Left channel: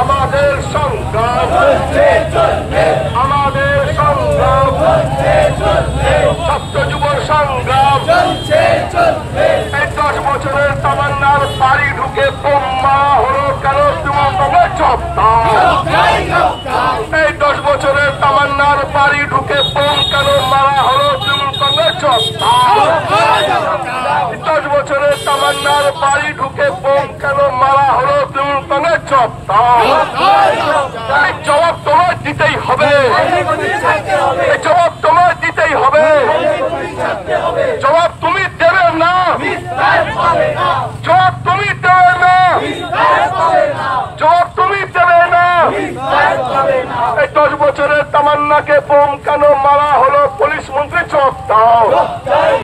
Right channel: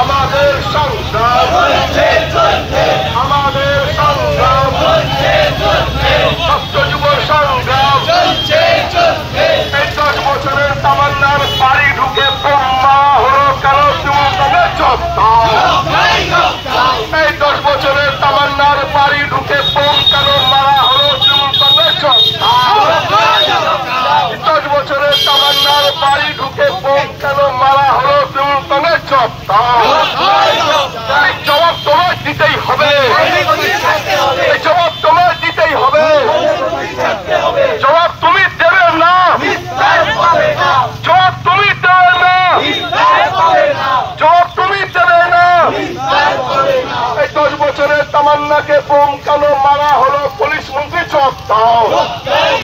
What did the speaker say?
আমাদের সংগ্রাম আমাদের সংগ্রাম ছাত্র যুব সংগ্রাম এই 10 বছরের তামান্নার বাড়ি ঢুকে বোমা হলো কেন তৃণমূলের যোদ্ধা। এই 10 বছরের তামান্নার বাড়ি ঢুকে বোম কেন মারা হলো তৃণমূলের যোদ্ধা। 10 বছরের তামান্নার বাড়ি ঢুকে বোম কেন মারা হলো তৃণমূলের যোদ্ধা। এই জবাব তোমায় দিতেই হবে, এই জবাব তোমায় দিতেই হবে। জবাব তুমি দেবে না, জবাব তুমি দেবে না, জবাব তুমি দেবে না। এই 10 বছরের তামান্নাকে বোম কেন মারা হলো পুলিশ মন্ত্রী জবাব দাও।